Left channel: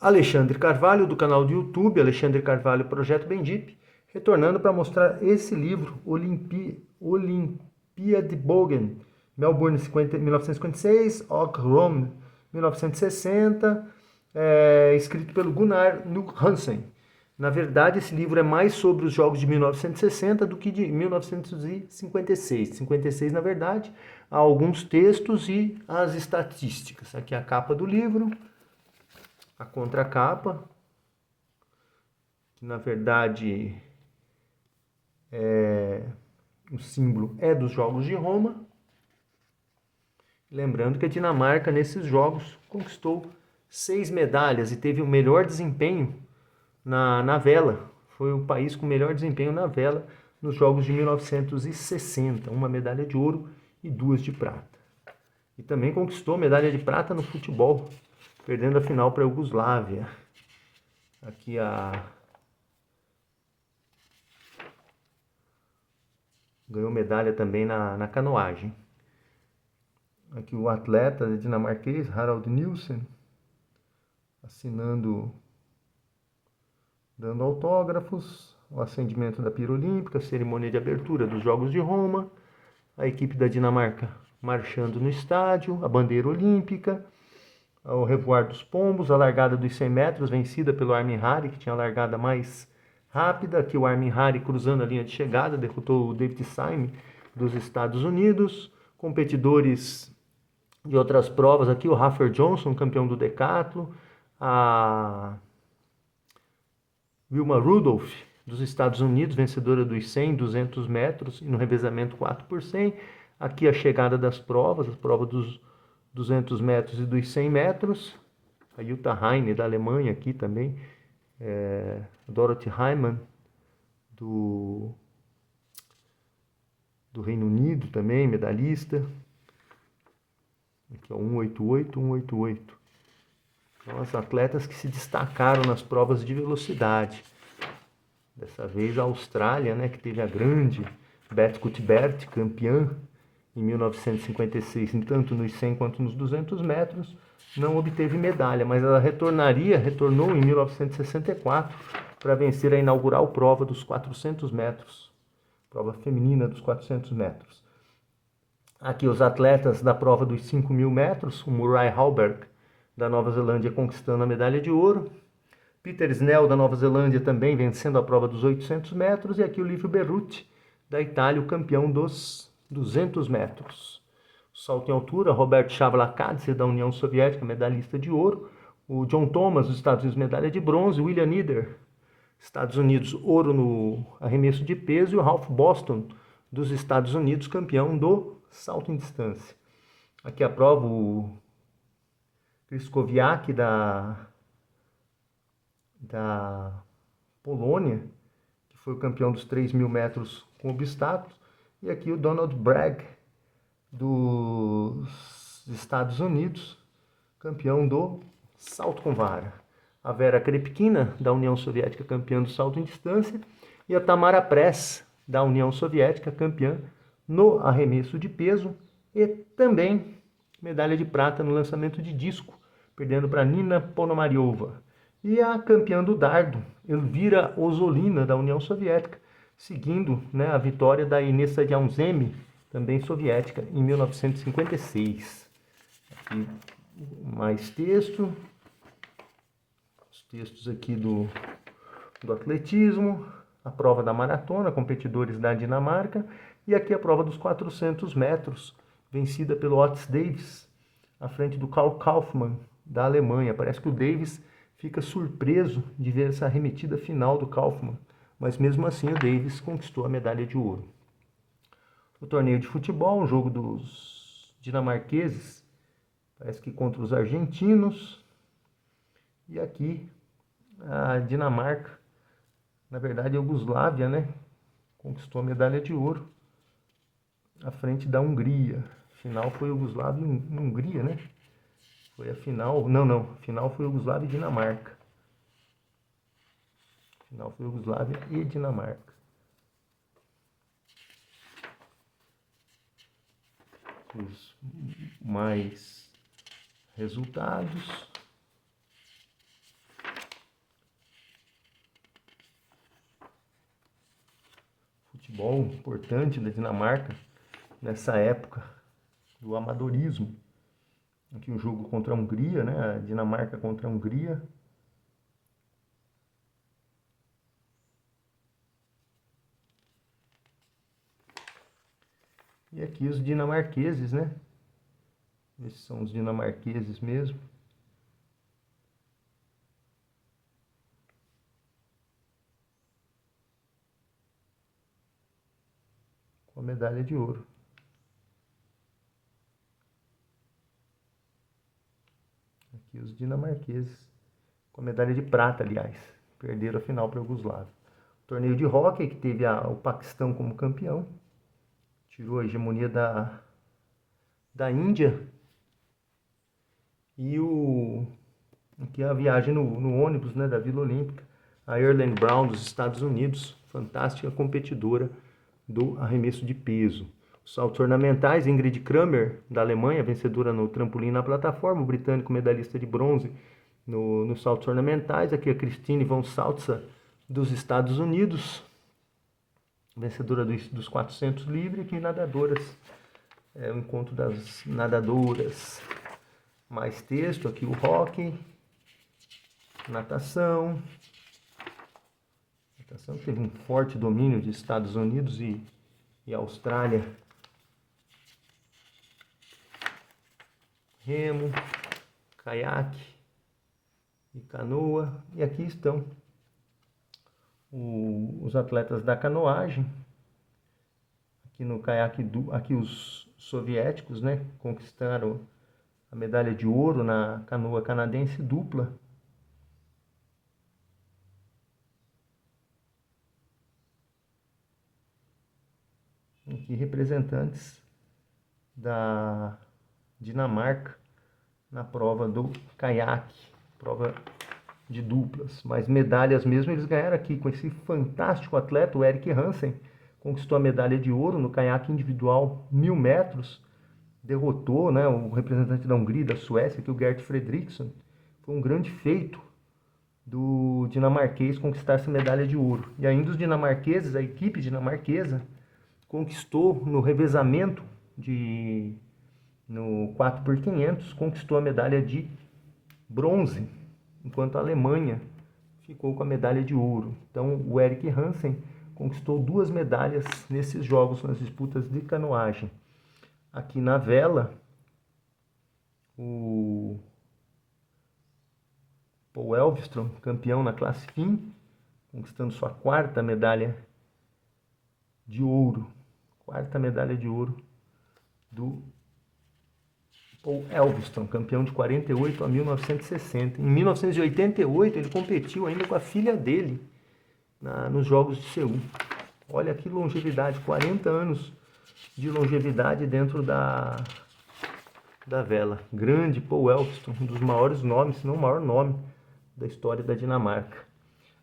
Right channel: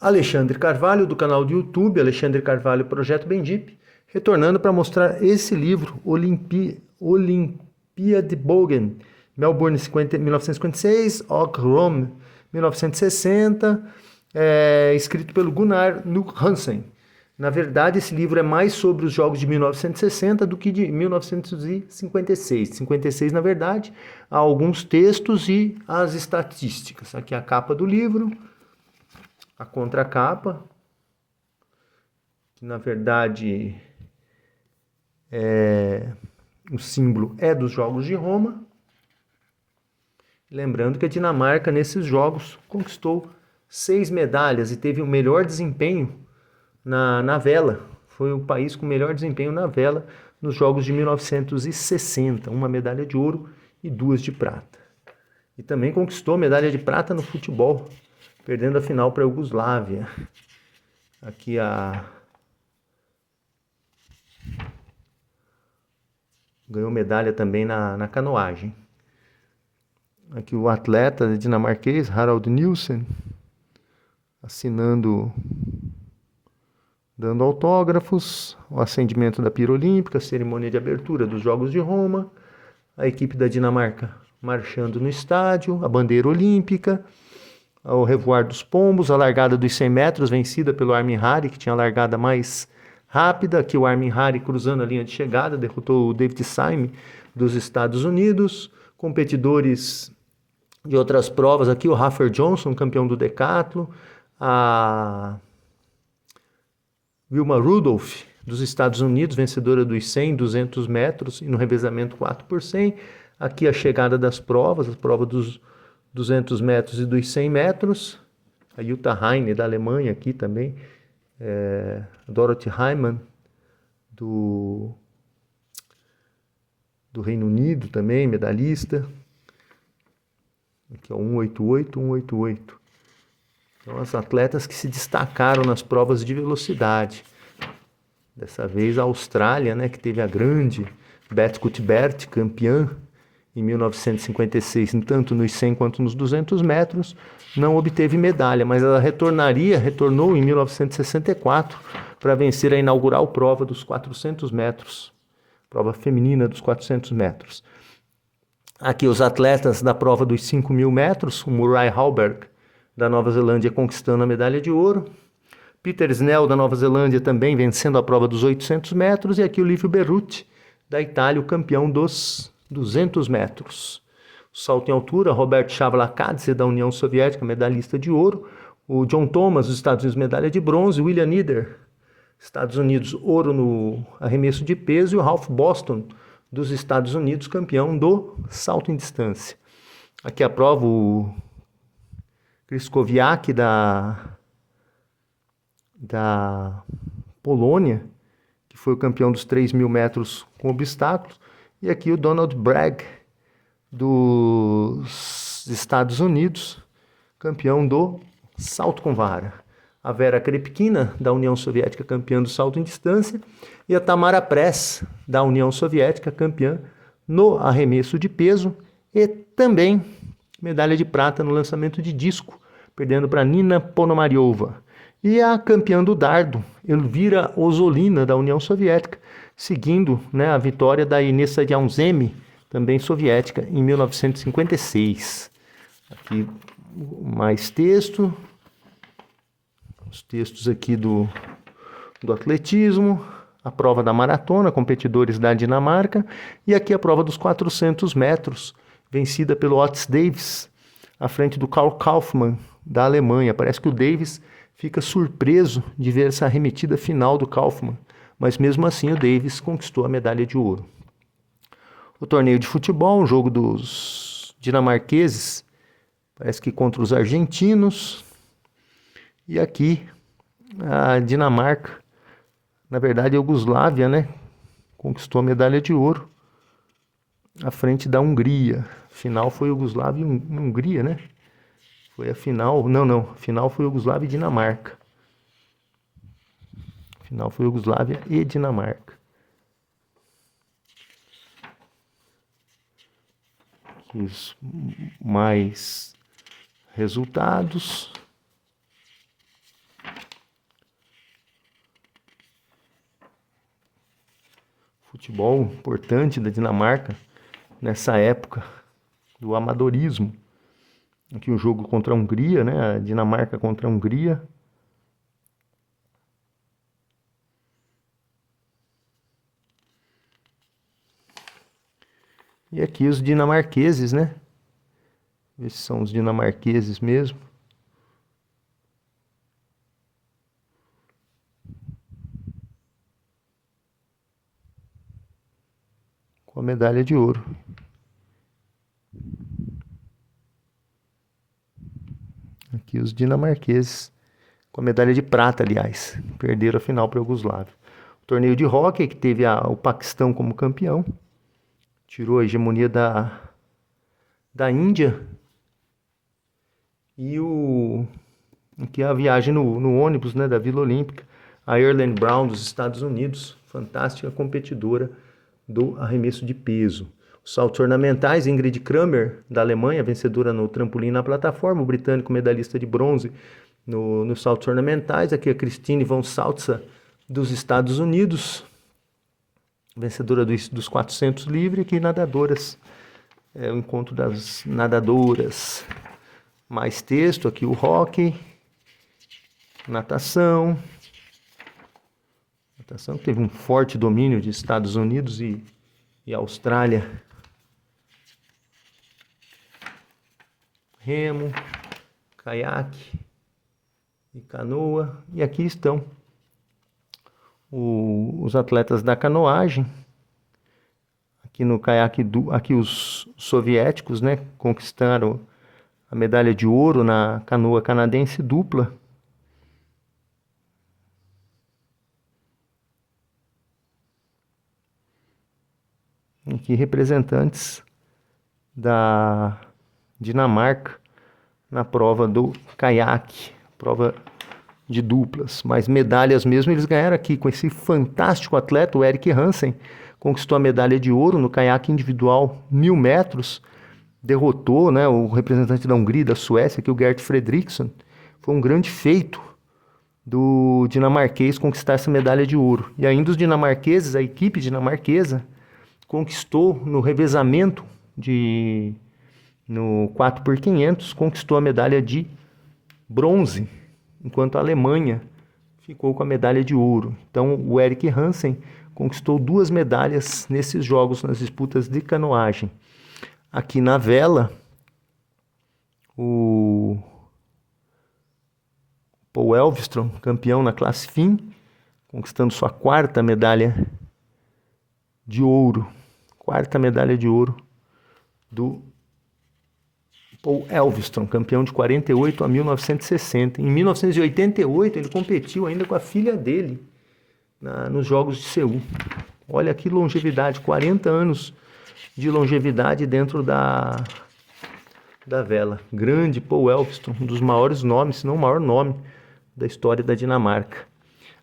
Alexandre Carvalho, do canal do YouTube, Alexandre Carvalho Projeto Bendip, retornando para mostrar esse livro, Olympiade Bogen, Melbourne 1956, Og Rome 1960, escrito pelo Gunnar Nu Hansen. Na verdade, esse livro é mais sobre os jogos de 1960 do que de 1956. 56, na verdade, há alguns textos e as estatísticas. Aqui é a capa do livro, a contracapa, que na verdade o símbolo é dos Jogos de Roma. Lembrando que a Dinamarca, nesses jogos, conquistou 6 medalhas e teve o melhor desempenho na vela. Foi o país com o melhor desempenho na vela nos Jogos de 1960. Uma medalha de ouro e 2 de prata. E também conquistou medalha de prata no futebol, perdendo a final para a Iugoslávia. Aqui ganhou medalha também na canoagem. Aqui o atleta dinamarquês Harald Nielsen assinando, dando autógrafos, o acendimento da pira olímpica, a cerimônia de abertura dos Jogos de Roma, a equipe da Dinamarca marchando no estádio, a bandeira olímpica, o revoar dos pombos, a largada dos 100 metros vencida pelo Armin Hari, que tinha a largada mais rápida. Aqui o Armin Hari cruzando a linha de chegada, derrotou o David Syme dos Estados Unidos. Competidores de outras provas, aqui o Rafer Johnson, campeão do decathlon, a Wilma Rudolph dos Estados Unidos, vencedora dos 100, 200 metros e no revezamento 4 por 100. Aqui a chegada das provas, a prova dos 200 metros e dos 100 metros. A Jutta Heine, da Alemanha, aqui também. Dorothy Hyman, do Reino Unido também, medalhista. Aqui é 188, 188. Então, as atletas que se destacaram nas provas de velocidade. Dessa vez a Austrália, né, que teve a grande Beth Cuthbert, campeã em 1956, tanto nos 100 quanto nos 200 metros, não obteve medalha, mas ela retornou em 1964 para vencer a inaugural prova dos 400 metros, prova feminina dos 400 metros. Aqui os atletas da prova dos 5.000 metros, o Murray Halberg, da Nova Zelândia, conquistando a medalha de ouro. Peter Snell, da Nova Zelândia, também vencendo a prova dos 800 metros. E aqui o Livio Berruti, da Itália, o campeão dos 200 metros. O salto em altura, Robert Chavlakadze, da União Soviética, medalhista de ouro. O John Thomas, dos Estados Unidos, medalha de bronze. William Nieder, Estados Unidos, ouro no arremesso de peso. E o Ralph Boston, dos Estados Unidos, campeão do salto em distância. Aqui a prova, o Kryskowiak, da Polônia, que foi o campeão dos 3.000 metros com obstáculos. E aqui o Donald Bragg, dos Estados Unidos, campeão do salto com vara. A Vera Krepkina, da União Soviética, campeã do salto em distância. E a Tamara Press, da União Soviética, campeã no arremesso de peso. E também medalha de prata no lançamento de disco, perdendo para Nina Ponomariova. E a campeã do dardo, Elvira Osolina, da União Soviética, seguindo, né, a vitória da Inês Sadjaunzemi, também soviética, em 1956. Aqui mais texto, os textos aqui do atletismo, a prova da maratona, competidores da Dinamarca, e aqui a prova dos 400 metros, vencida pelo Otis Davis, à frente do Karl Kaufmann, da Alemanha. Parece que o Davis fica surpreso de ver essa arremetida final do Kaufmann, mas mesmo assim o Davis conquistou a medalha de ouro. O torneio de futebol, um jogo dos dinamarqueses, parece que contra os argentinos. E aqui a Dinamarca, na verdade a Iugoslávia, né, conquistou a medalha de ouro à frente da Hungria. A final foi Iugoslávia e Hungria, né? Foi a final, não, a final foi Iugoslávia e Dinamarca. A final foi Iugoslávia e Dinamarca. Os mais resultados. futebol importante da Dinamarca nessa época do amadorismo. Aqui o jogo contra a Hungria, né? A Dinamarca contra a Hungria. E aqui os dinamarqueses, né? Esses são os dinamarqueses mesmo. Com a medalha de ouro. Aqui os dinamarqueses. Com a medalha de prata, aliás. Perderam a final para a Iugoslávia. O torneio de hóquei, que teve o Paquistão como campeão. Tirou a hegemonia da Índia. E aqui a viagem no ônibus, né, da Vila Olímpica. A Ireland Brown dos Estados Unidos. Fantástica competidora do arremesso de peso. Os saltos ornamentais, Ingrid Kramer, da Alemanha, vencedora no trampolim na plataforma, o britânico medalhista de bronze nos saltos ornamentais. Aqui a Christine von Salza, dos Estados Unidos, vencedora dos 400 livre. Aqui nadadoras, o encontro das nadadoras. Mais texto, aqui o hóquei, natação. Natação teve um forte domínio de Estados Unidos e Austrália. Remo, caiaque e canoa. E aqui estão os atletas da canoagem. Aqui no caiaque, aqui os soviéticos, né, conquistaram a medalha de ouro na canoa canadense dupla. Aqui representantes da Dinamarca na prova do caiaque, prova de duplas, mas medalhas mesmo eles ganharam aqui com esse fantástico atleta, o Erik Hansen, conquistou a medalha de ouro no caiaque individual 1000 metros, derrotou, né, o representante da Hungria e da Suécia, que é o Gert Fredriksson. Foi um grande feito do dinamarquês conquistar essa medalha de ouro. E ainda os dinamarqueses, a equipe dinamarquesa, conquistou no revezamento no 4x500, conquistou a medalha de bronze, enquanto a Alemanha ficou com a medalha de ouro. Então o Erik Hansen conquistou 2 medalhas nesses jogos, nas disputas de canoagem. Aqui na vela, o Paul Elvström, campeão na classe fim, conquistando sua 4ª medalha de ouro. 4ª medalha de ouro do Paul Elvström, campeão de 48 a 1960. Em 1988 ele competiu ainda com a filha dele nos Jogos de Seul. Olha que longevidade, 40 anos de longevidade dentro da vela. Grande Paul Elvström, um dos maiores nomes, se não o maior nome da história da Dinamarca.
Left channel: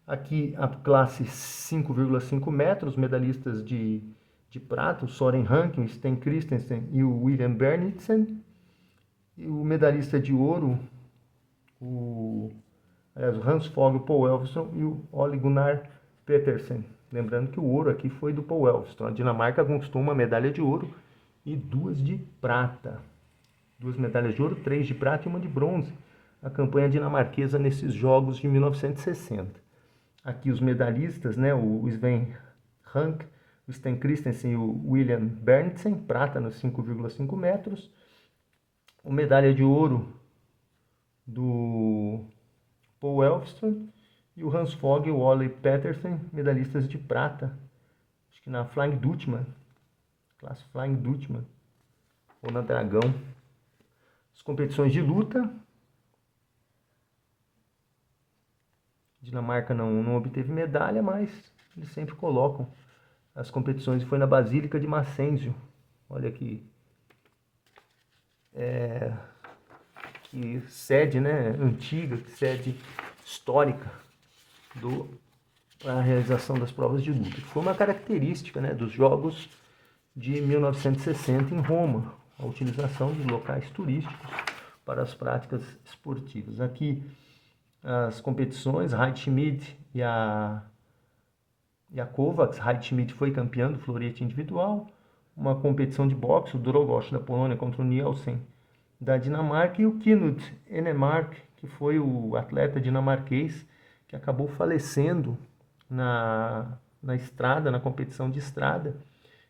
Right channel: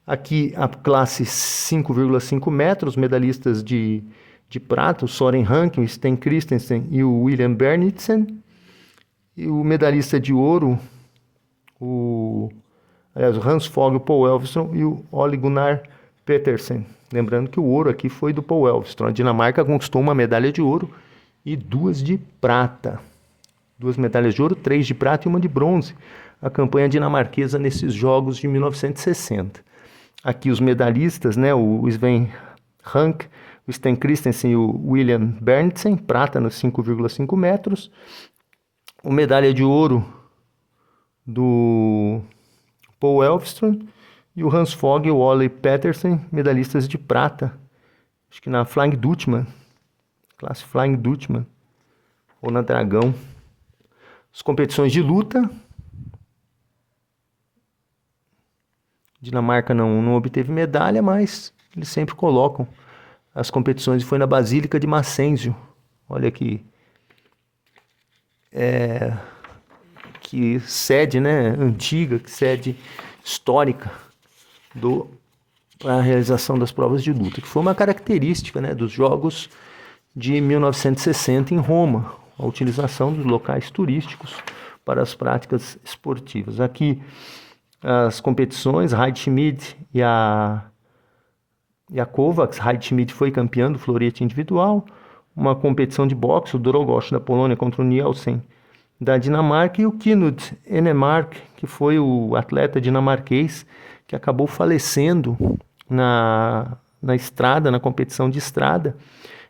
Aqui a classe 5,5 metros, medalhistas de prata, o Søren Hanke, o Sten Christensen e o William Bernitsen. E o medalhista de ouro, o Hans Fogh, o Paul Elvström e o Ole Gunnar Petersen. Lembrando que o ouro aqui foi do Paul Elvström. A Dinamarca conquistou uma medalha de ouro e 2 de prata. 2 medalhas de ouro, 3 de prata e 1 de bronze. A campanha dinamarquesa nesses Jogos de 1960. Aqui os medalhistas, né? O Sven Hanke, o Sten Christensen e o William Bernitsen, prata nos 5,5 metros. O medalha de ouro do Paul Elvström e o Hans Fogh e o Ole Petersen, medalhistas de prata. Acho que na Flying Dutchman, classe Flying Dutchman, ou na Dragão. As competições de luta. Dinamarca não obteve medalha, mas eles sempre colocam as competições. E foi na Basílica de Massenzio. Olha aqui. Que sede, né, antiga, que sede histórica para a realização das provas de luta, que foi uma característica, né, dos Jogos de 1960 em Roma, a utilização dos locais turísticos para as práticas esportivas. Aqui as competições, Heidschmidt e a e a Kovacs. Heidi Schmidt foi campeã do florete individual. Uma competição de boxe, o Dorogosz da Polônia contra o Nielsen da Dinamarca, e o Knut Enemark, que foi o atleta dinamarquês que acabou falecendo na estrada, na competição de estrada.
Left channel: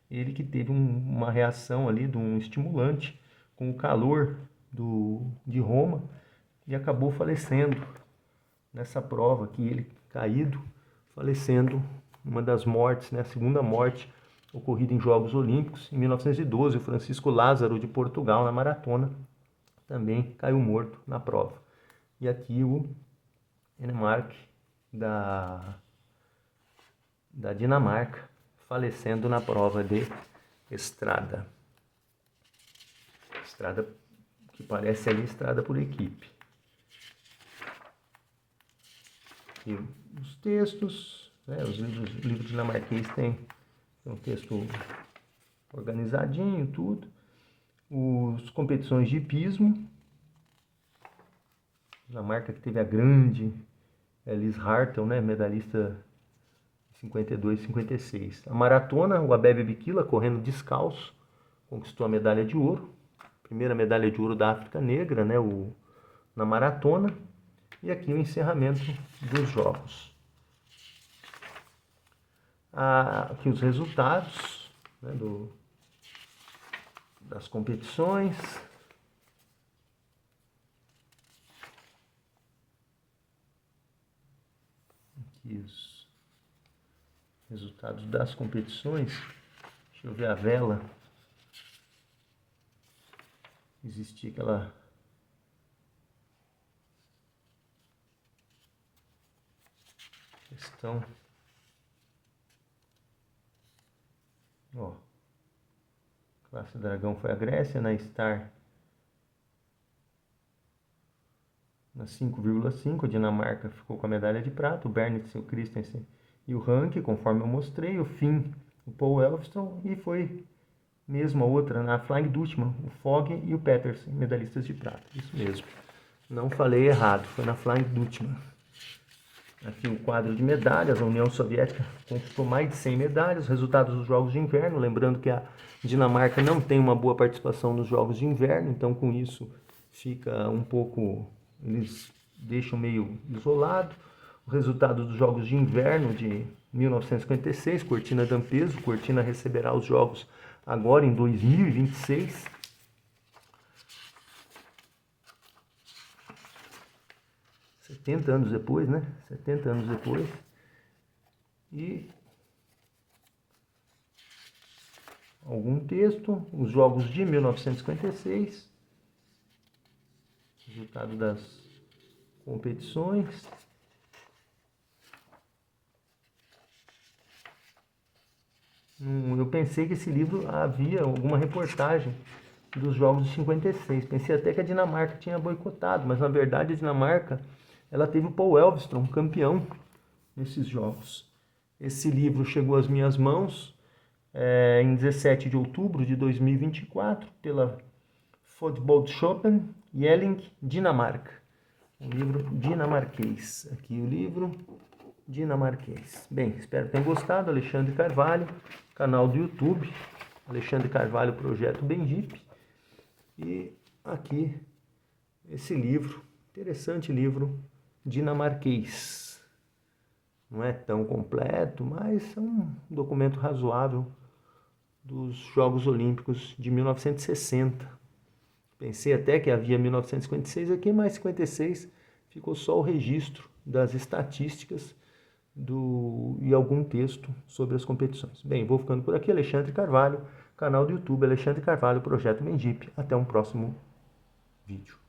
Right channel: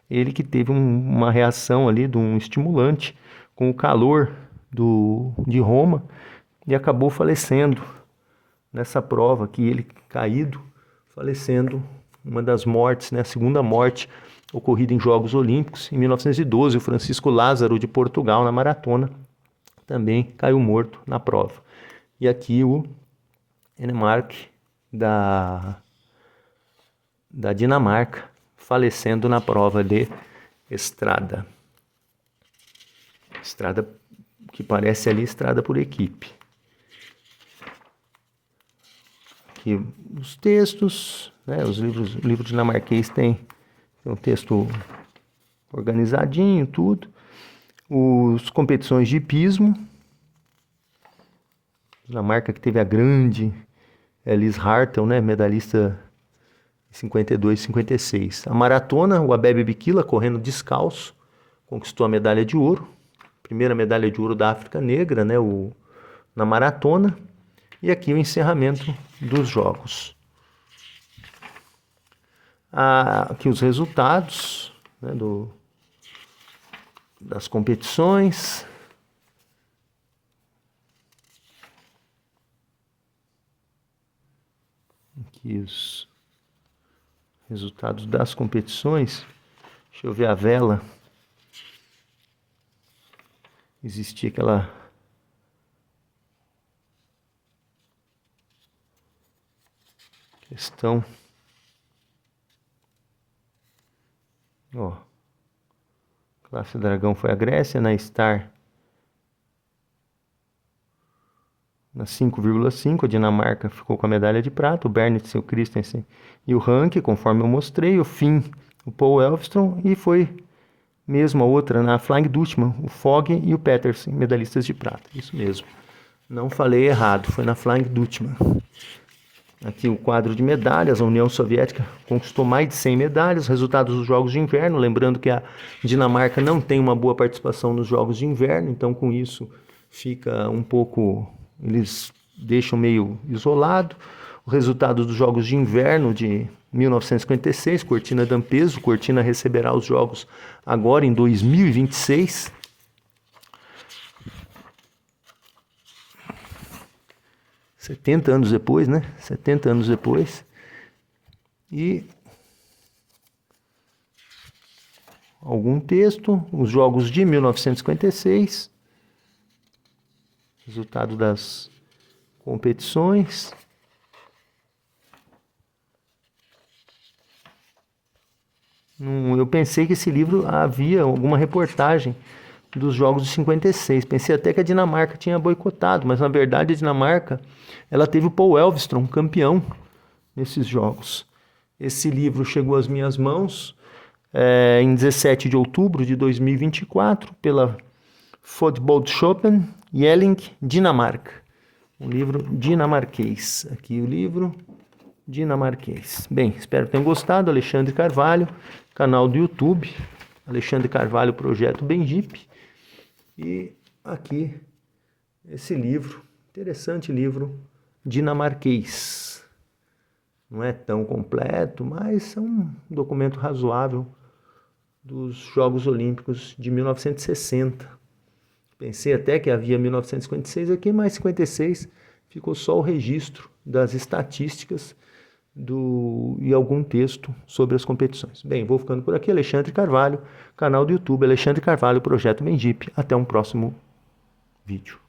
Ele que teve uma reação ali de um estimulante com o calor de Roma e acabou falecendo nessa prova, que ele caído, falecendo, uma das mortes, né, a segunda morte ocorrida em Jogos Olímpicos. Em 1912, o Francisco Lázaro de Portugal, na maratona, também caiu morto na prova. E aqui o Enemark da Dinamarca, falecendo na prova de estrada. Estrada que parece ali estrada por equipe. Aqui os textos, né? Os livros dinamarquês tem um texto organizadinho, tudo. As competições de hipismo. Dinamarca que teve a grande Elise Hartel, né? Medalhista em 52 e 56. A maratona, o Abebe Bikila, correndo descalço, conquistou a medalha de ouro. Primeira medalha de ouro da África Negra, né? Na maratona. E aqui o encerramento dos jogos. Aqui os resultados, né, das competições. Aqui os resultados das competições. Deixa eu ver a vela. Existia aquela questão. Ó, classe dragão foi a Grécia, na Star na 5,5, a Dinamarca ficou com a medalha de prata, o Bernitsen, o Christensen e o Rank, conforme eu mostrei, o Finn, o Paul Elvström, e foi mesmo a outra na Flying Dutchman, o Fogg e o Petersen, medalhistas de prata. Isso mesmo, não falei errado, foi na Flying Dutchman. Aqui o quadro de medalhas, a União Soviética conquistou mais de 100 medalhas, resultados dos Jogos de Inverno, lembrando que a Dinamarca não tem uma boa participação nos Jogos de Inverno, então com isso fica um pouco, eles deixam meio isolado. O resultado dos Jogos de Inverno de 1956, Cortina d'Ampezzo, Cortina receberá os Jogos agora em 2026. 70 anos depois, né? 70 anos depois. E algum texto, os Jogos de 1956, resultado das competições. Eu pensei que esse livro havia alguma reportagem dos Jogos de 56. Pensei até que a Dinamarca tinha boicotado, mas na verdade a Dinamarca, ela teve o Paul Elvström campeão nesses Jogos. Esse livro chegou às minhas mãos em 17 de outubro de 2024 pela Fodboldskoppen Jelling, Dinamarca. Um livro dinamarquês. Aqui o livro dinamarquês. Bem, espero que tenham gostado. Alexandre Carvalho, canal do YouTube, Alexandre Carvalho, Projeto Benjip. E aqui esse livro, interessante livro dinamarquês. Não é tão completo, mas é um documento razoável dos Jogos Olímpicos de 1960. Pensei até que havia 1956 aqui, mas 56 ficou só o registro das estatísticas e algum texto sobre as competições. Bem, vou ficando por aqui. Alexandre Carvalho, canal do YouTube Alexandre Carvalho, Projeto Benjip. Até um próximo vídeo.